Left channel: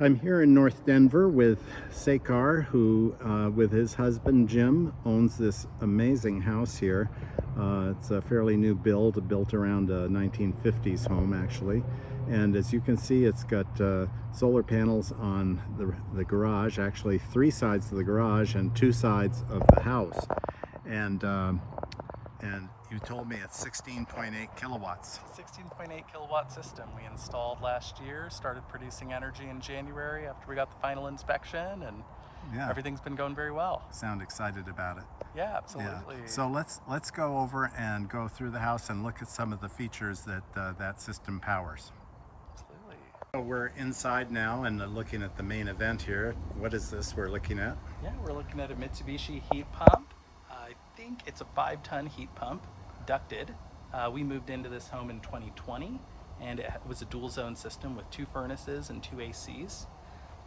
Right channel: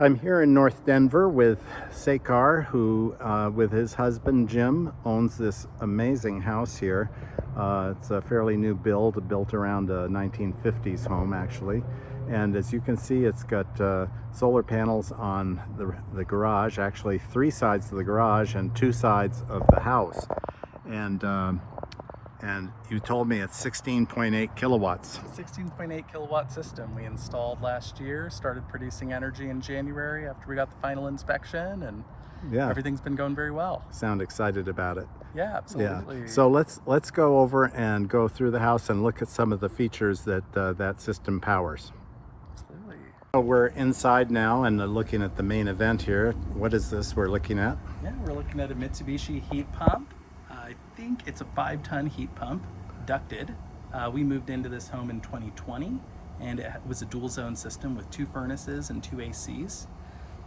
I'm here in North Denver with Sekhar, who, with his husband Jim, owns this amazing house here. It's a fairly new build, built around a 1950s home, actually. And as you can see, it's got solar panels on the garage, actually 3 sides of the garage and 2 sides of the house. And you told me it's 16.8 kilowatts. 16.8 kilowatt system we installed last year, started producing energy in January after we got the final inspection, and Yeah, everything's been going very well. sound excited about it. Yeah, absolutely. Yeah. So let's go over and go through the house and look at some of the features that that system powers. Absolutely. So we're inside now and looking at the main event here. What is this we're looking at? Yeah, we're looking at a Mitsubishi heat pump. I think it's a 5-ton heat pump, ducted. We moved into this home in 2020, and it was a dual zone system with 2 furnaces and 2 ACs.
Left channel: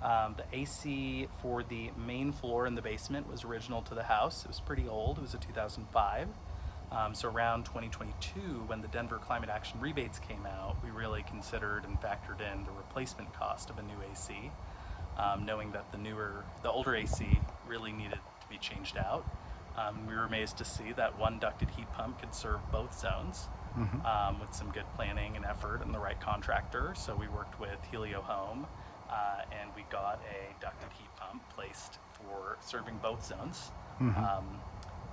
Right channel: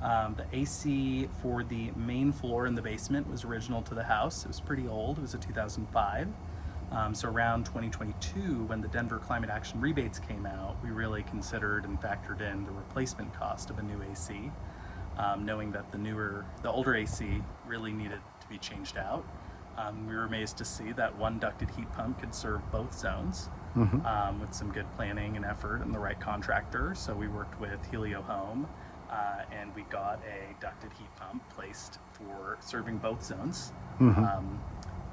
The AC for the main floor in the basement was original to the house. It was pretty old. It was a 2005. So around 2022, when the Denver Climate Action rebates came out, we really considered and factored in the replacement cost of a new AC, knowing that the older AC really needed to be changed out. We were amazed to see that one ducted heat pump could serve both zones with some good planning and effort and the right contractor. So we worked with Helio Home and we got a ducted heat pump placed for serving both zones.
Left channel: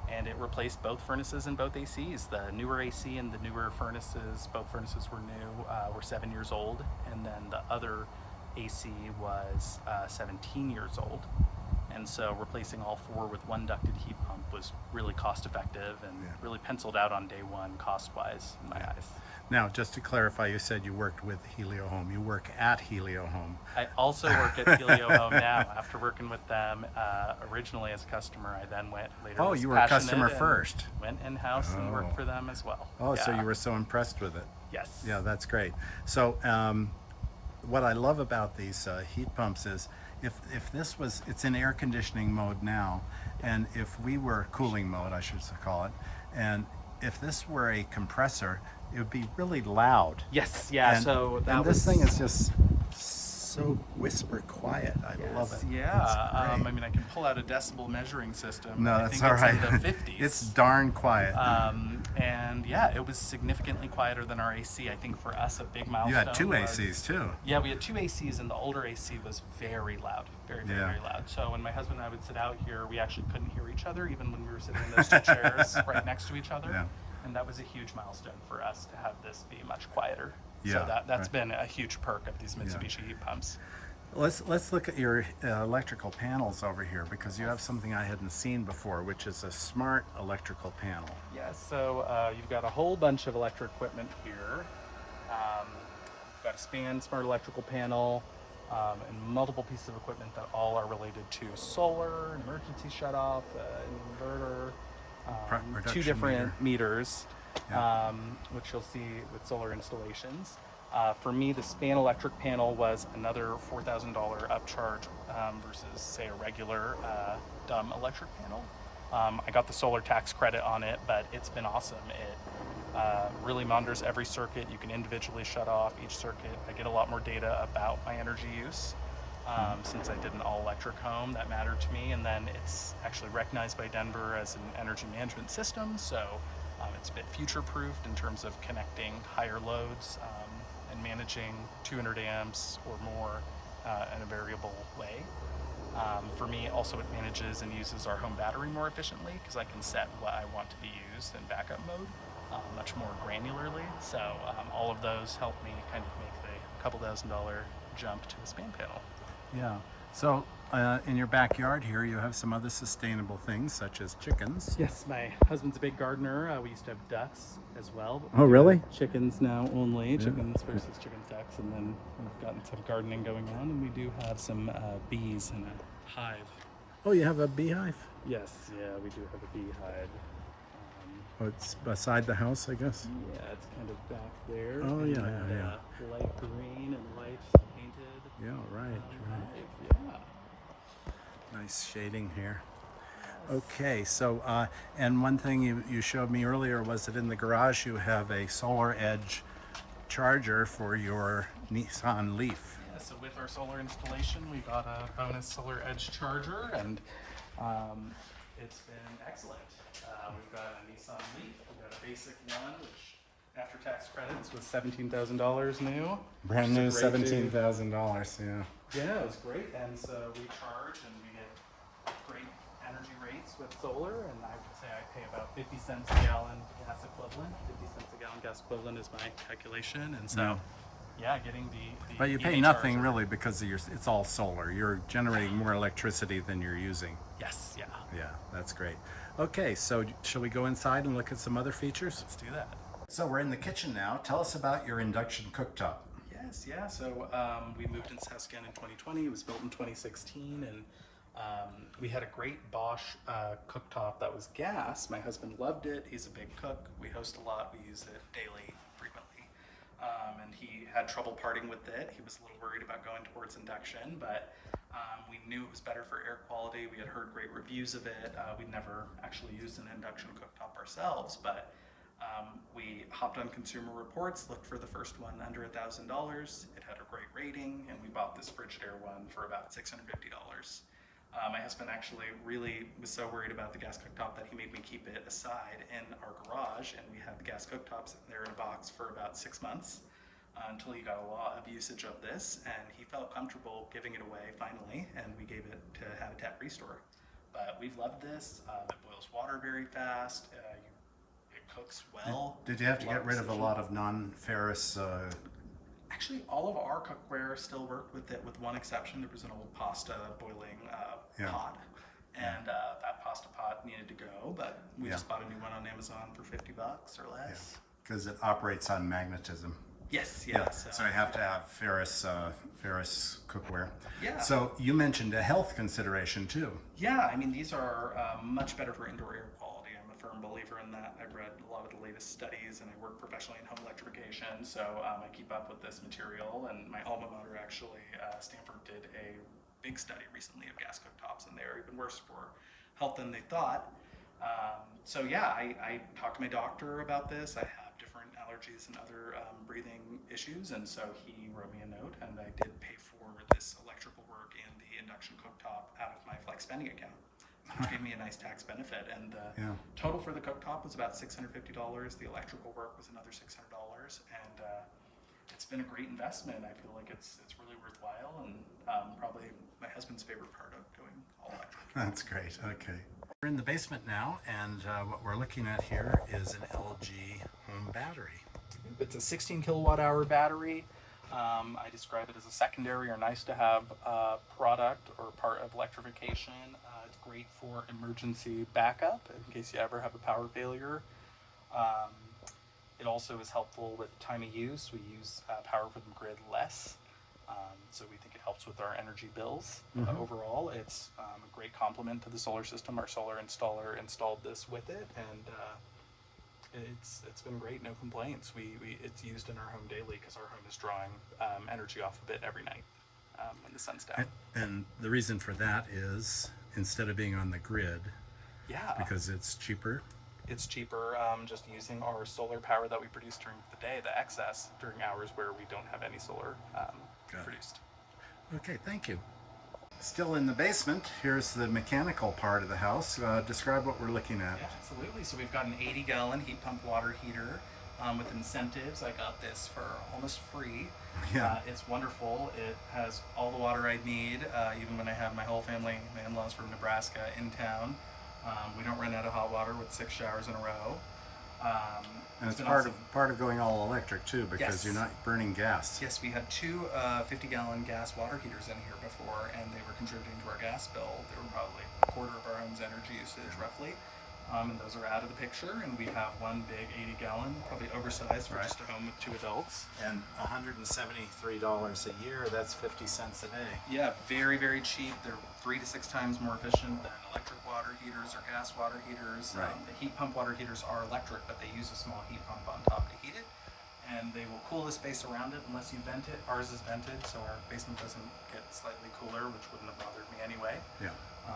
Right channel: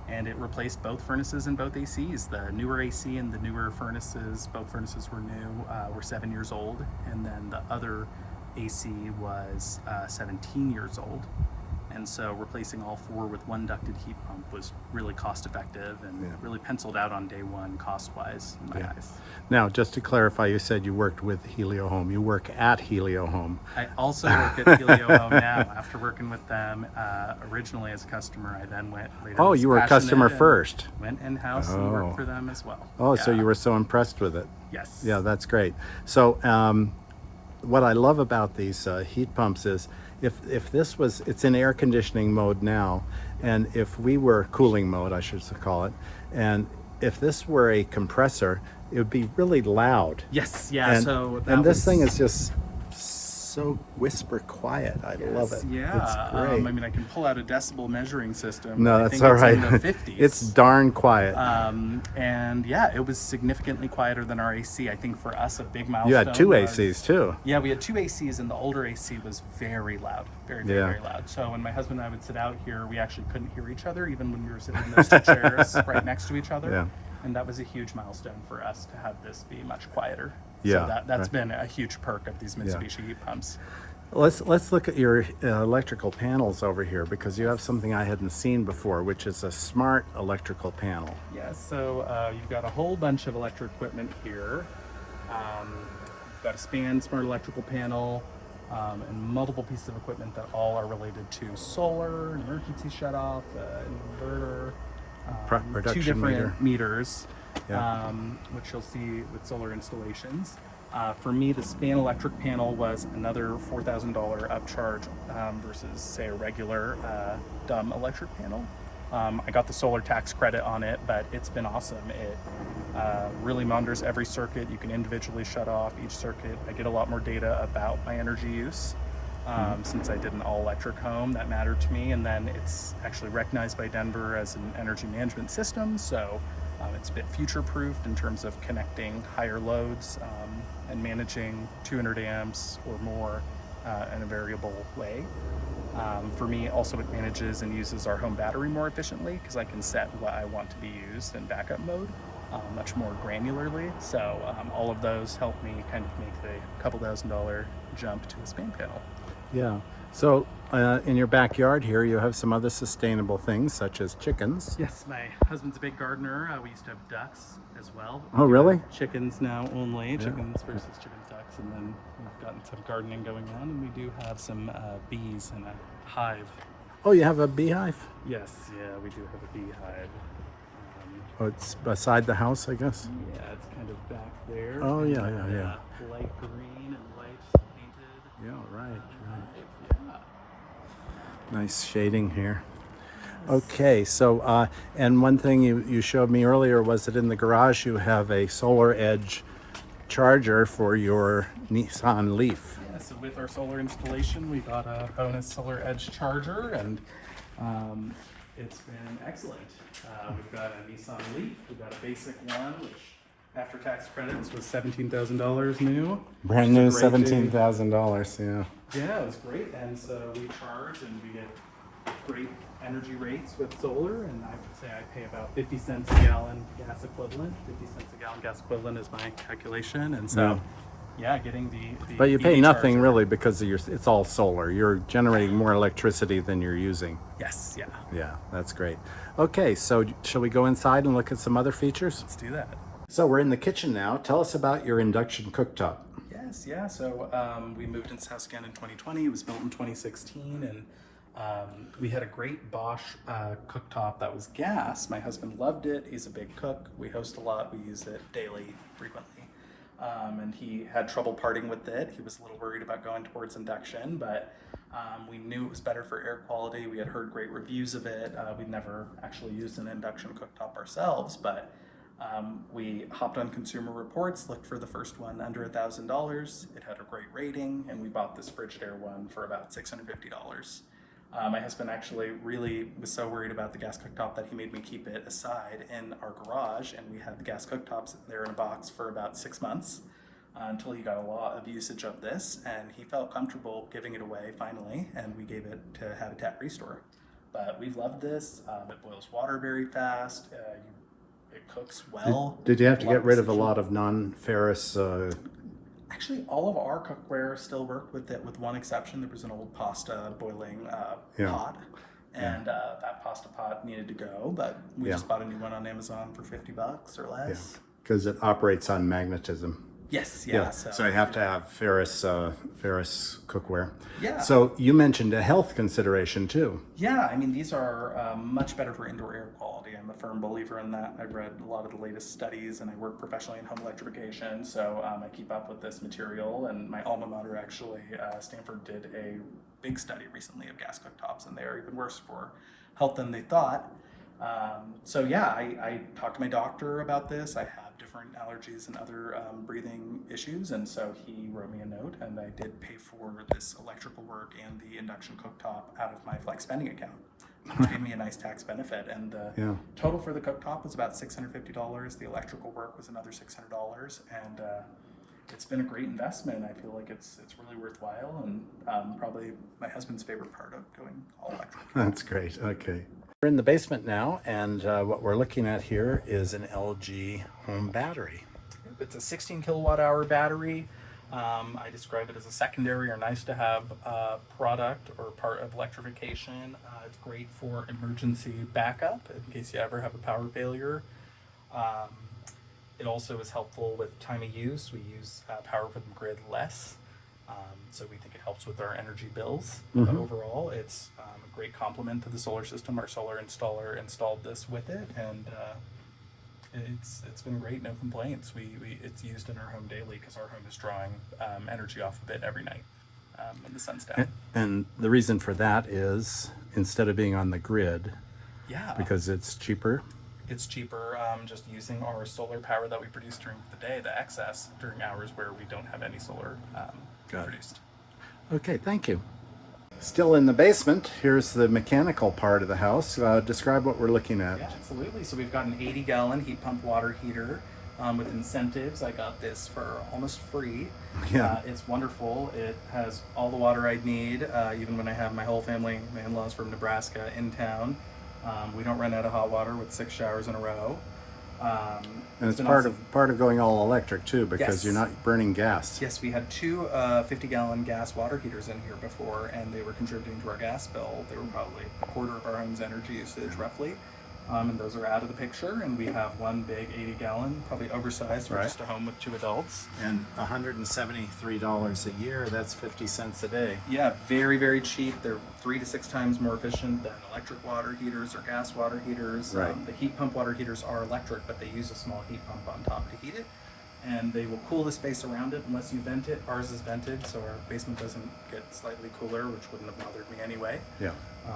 And it replaced both furnaces and both ACs. The newer AC and the newer furnaces, both furnaces were new, were 7 years old, and then the other AC was 17 years old. And so replacing all 4 with one ducted heat pump was really cost effective and really penciled out on day one cost-wise in my eyes. Now, just to clarify, you said you worked with Helio Home. You work at Helio Home. I also work at Helio Home now. After working with them originally as a customer, I then went later. Oh, you were a customer first. Went in-house and worked for them as well. Oh, so you were so impressed with it. Yes. Yeah, that's great. So what I love about these heat pumps is if this was, it's in air conditioning mode now, and if we were cooling mode, I should call it, and if this were a compressor, it would be really loud. Yes, yeah. And this thing is just so whisper quiet. I love it. Yeah, it's great. I mean, I can pull out a decibel measuring system. No, I that's think all it's right. in the 50s. It's darn quiet. And yeah, it was significantly quieter than our AC. I think for us, a big milestone. You had 2 ACs too. Yeah, we had 2 ACs, and the older AC was very loud, very loud. So when my husband and I would sit out here, we actually couldn't hear each other, even when we were sitting in those 2 chairs right next to each other. Yeah. And that was a huge milestone for us to have this be much quieter. Yeah, So that's been a huge perk of these Mitsubishi heat pumps. Let's look at your electrical panels over here, because you have something I hadn't seen before, which is a smart electrical panel. Yeah, so you've got a whole bunch of electric equipment here. You've got a SPAN smart electrical panel and multiple pieces of equipment that all are related to solar, an emergency shutoff, an inverter, 2 different meters, which you'll see with solar installations. For me, the SPAN electric panel was another $4,000 upcharge versus, say, a regular dumb electric panel. I got the solar tax credit on it, but it's been awesome. It really monitors every circuit. You can individually shut off each circuit. I get a lot more data about my energy use. Since I did an all-electric home, that mattered to me, and then it's actually recognized by Denver as an energy management system, so it's a bit future-proofed in terms of connecting higher loads and managing 200 amps or more in a variable way. For me, also it manages and uses our home battery more efficiently, because I can set what I want to be used in backup mode much more granularly. So all of those help me kind of make the couple $1,000 jump to the SPAN panel. Yeah. So in your backyard here, you have some other sustainable things, such as chickens. Yes, my husband's a big gardener. We used to have ducks as well. Oh, really? Chickens now only, chickens versus chickens, ducks, and then we've gotten some gardening going on, and we do have some bees in a hive. Oh, you have a beehive? Yes, yeah, we do have a beehive. Oh, it's beside the house, I guess? Yeah, it's kind of back there. Oh, yeah. Light green and white painted. Yeah, right. Yeah. Nice shading here. Okay, so and one thing you showed me earlier was that in the garage you have a Solar Edge charger for your Nissan Leaf. Yeah, so with our solar installation, we got a bonus Solar Edge charger, and it's been excellent. We've got a Nissan Leaf, we've got a basic one, which after tax credits was $17,000 new. Brand which new, is a great thing. $17,000. Yeah. Yeah, it was great, and so we charge and we get great energy rates with solar, and I would say I pay about 50 cents a gallon gas equivalent. 50 cents a gallon gas equivalent is my calculation, and so yeah, getting the But you pay EV nothing charger. really because of it's all solar. You're generating more electricity than you're using. Yes, yeah. Yeah, that's great. Okay, so shall we go inside and look at some other features? Let's do that. So we're in the kitchen now. Tell us about your induction cooktop. Yes, yeah. So we moved into Sekhar in 2020. It was built in 2016, and we had a great Bosch cooktop that was gas. My husband loved it. He's a big cook. We host a lot. We use it daily, frequently. And he had trouble parting with it. He was a little worried about going towards induction, but we knew it was better for air quality. We had heard great reviews of it. We'd never actually used an induction cooktop ourselves, but we hopped on Consumer Reports, looked for the first one under $1,000. It had a great rating, and we bought this Frigidaire one for about $650. My husband actually really was so worried about the gas cooktop that he made me keep it aside in our garage, and we had the gas cooktops there in a box for about 6 months until he got a lot of usage of this, and he felt comfortable giving it away finally, and we gave it to Habitat Restore. But we've loved this. It boils water very fast. It cooks well. Did you have to get rid of a oxygen. lot of non-ferrous? Actually, all of our cookware still worked with it, with one exception. There was an old pasta boiling pot, and that pasta pot needed to go, but we just bought a new one on Amazon for $50 or less. Because it operates on magnetism. Yes, Yeah. So you have to have ferrous cookware. Yeah. So you mentioned a health consideration too. Yeah, I mean, these are much better for indoor air quality. I'm a firm believer in that. I've read a lot of the latest studies, and I work professionally in home electrification, so I keep up with this material. And my alma mater, actually, Stanford, did a big study recently of gas cooktops, and they are even worse for health than they thought. So yeah, I talked to my doctor about this. I have different allergies and other breathing issues, and so he wrote me a note, and I did pay for this electrical work and the induction cooktop out of my flex spending account, which gave me a nice tax benefit. And the total for the cooktop was about $650. The electrical work was another $600, and it's been a great investment. I feel like it's really worthwhile, and probably my husband's favorite part of going all electric. That's great. Okay. We're in the basement now, and what we're looking at here is an LG home battery. It's a 16 kilowatt hour battery. I describe it as a secondary or nice to have product or part of electrification. It's great for emergency backup in case you ever have a power failure. It also is helpful with time of use. We use power from the grid less, so we think it helps with our energy bills. But overall, it's a great complement to the solar system. Our solar installer installed this with it, and it's been great. No complaints. It's used in our home daily because our home is drawing energy off of it every night when the sun's down. And the reason for that is instead of being on the grid, because it's cheaper. It's cheaper just using our solar power that we produce during the day, the excess, during hours where we don't have any solar produced. Okay, thank you. Still in the basement, here's the mechanical part of the house. Describe what we're looking at. Yeah, absolutely. So we've got an 80-gallon heat pump water heater with incentives. I got this for almost free. Yeah. It's wonderful. It has all the water I need, even when I have my whole family, my in-laws from Nebraska, in town. We don't run out of hot water with 6 showers in a row. And it's part of going all electric too, because you're not burning gas. Yes, we had two 50-gallon gas water heaters in here before, and they were contributing to our gas bill. They were probably a quarter of our home's energy usage, roughly. And those are out of the picture, and we have one big 80-gallon, probably oversized for just a home with 2 adults. And $173 a year, that's 50 cents a day. Yeah, very, very cheap. They're 3 to 6 times more efficient than electric water heaters or gas water heaters. Right. The heat pump water heaters are electric, but they use a small heat pump on top to heat it. And they will cool the space around it unless you vent it. Ours is vented, so our basement doesn't get slightly cooler, which wouldn't have bothered me anyway. Yeah.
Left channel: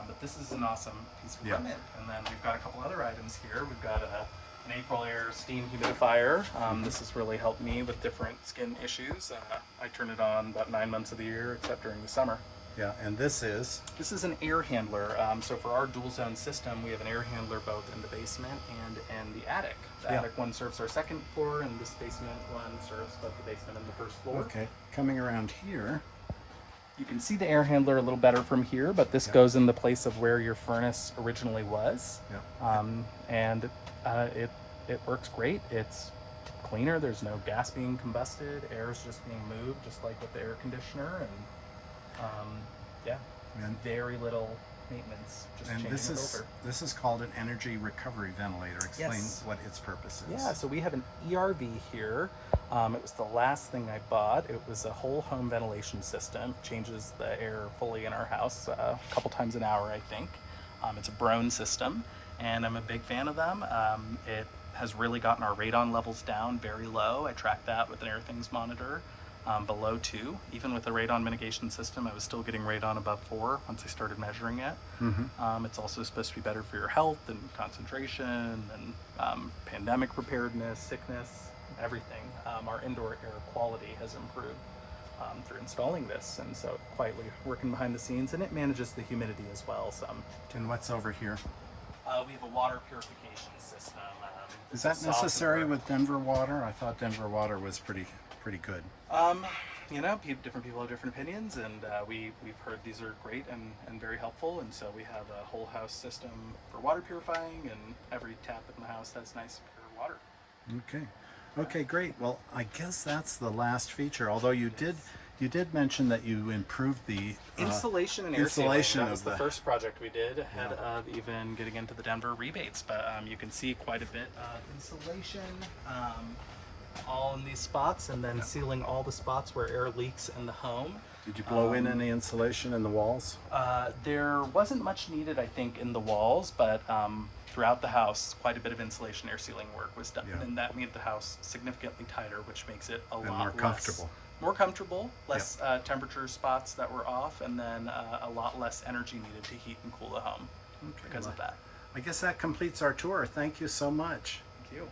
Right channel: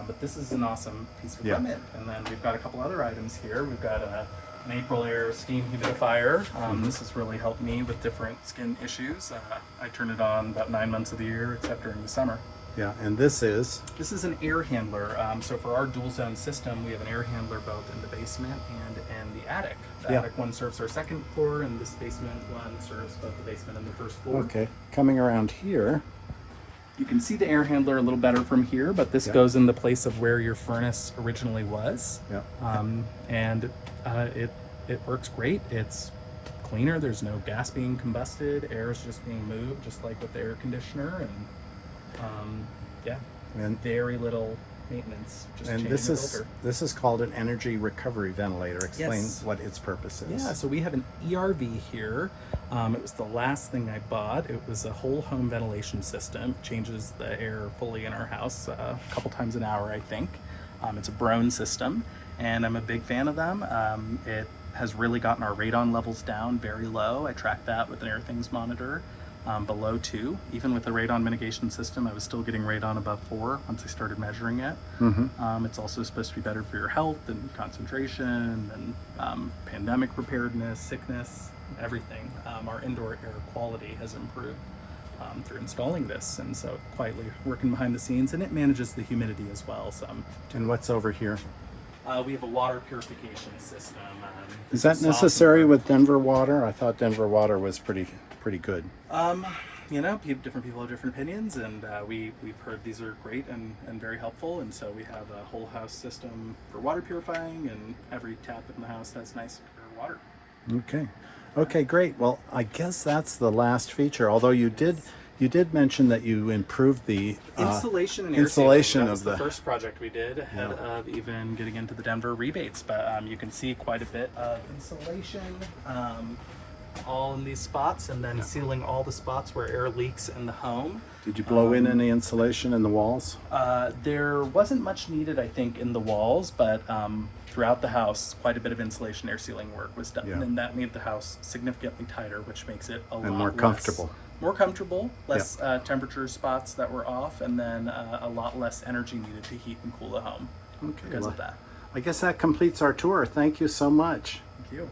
But this is an awesome piece of equipment. And then we've got a couple other items here. We've got a an April Air steam humidifier. This has really helped me with different skin issues. I turn it on about 9 months of the year, except during the summer. Yeah, and this is? This is an air handler. So for our dual zone system, we have an air handler both in the basement and in the attic. The attic one serves our second floor, and this basement one serves both the basement and the first floor. Okay, coming around here. You can see the air handler a little better from here, but this goes in the place of where your furnace originally was. And it works great. It's cleaner. There's no gas being combusted. Air is just being moved, just like with the air conditioner. And very little maintenance. Just and changing the filter. this is called an energy recovery ventilator. Explain what its purpose is. Yeah, so we have an ERV here. It was the last thing I bought. It was a whole home ventilation system. It changes the air fully in our house a couple times an hour, I think. It's a Brown system, and I'm a big fan of them. It has really gotten our radon levels down very low. I tracked that with an AirThings monitor. Below 2. Even with the radon mitigation system, I was still getting radon above 4 once I started measuring it. It's also supposed to be better for your health and concentration and pandemic preparedness, sickness, everything. Our indoor air quality has improved through installing this, and so quietly working behind the scenes, and it manages the humidity as well. And what's over here? We have a water purification system. Is that necessary with Denver water? I thought Denver water was pretty good. You know, different people have different opinions, and we've heard these are great and very helpful, and so we have a whole house system for water purifying, and every tap in the house has nice pure water. Okay, great. Well, I guess that's the last feature, although you did mention that you improved the insulation and air sealing. That was the first project we did ahead of even getting into the Denver rebates, but you can see quite a bit of insulation all in these spots, and then sealing all the spots where air leaks in the home. Did you blow in any insulation in the walls? There wasn't much needed, I think, in the walls, but throughout the house, quite a bit of insulation air sealing work was done, and that made the house significantly tighter, which makes it a lot more comfortable. More comfortable, less temperature spots that were off, and then a lot less energy needed to heat and cool the home because of that. I guess that completes our tour. Thank you so much. Thank you.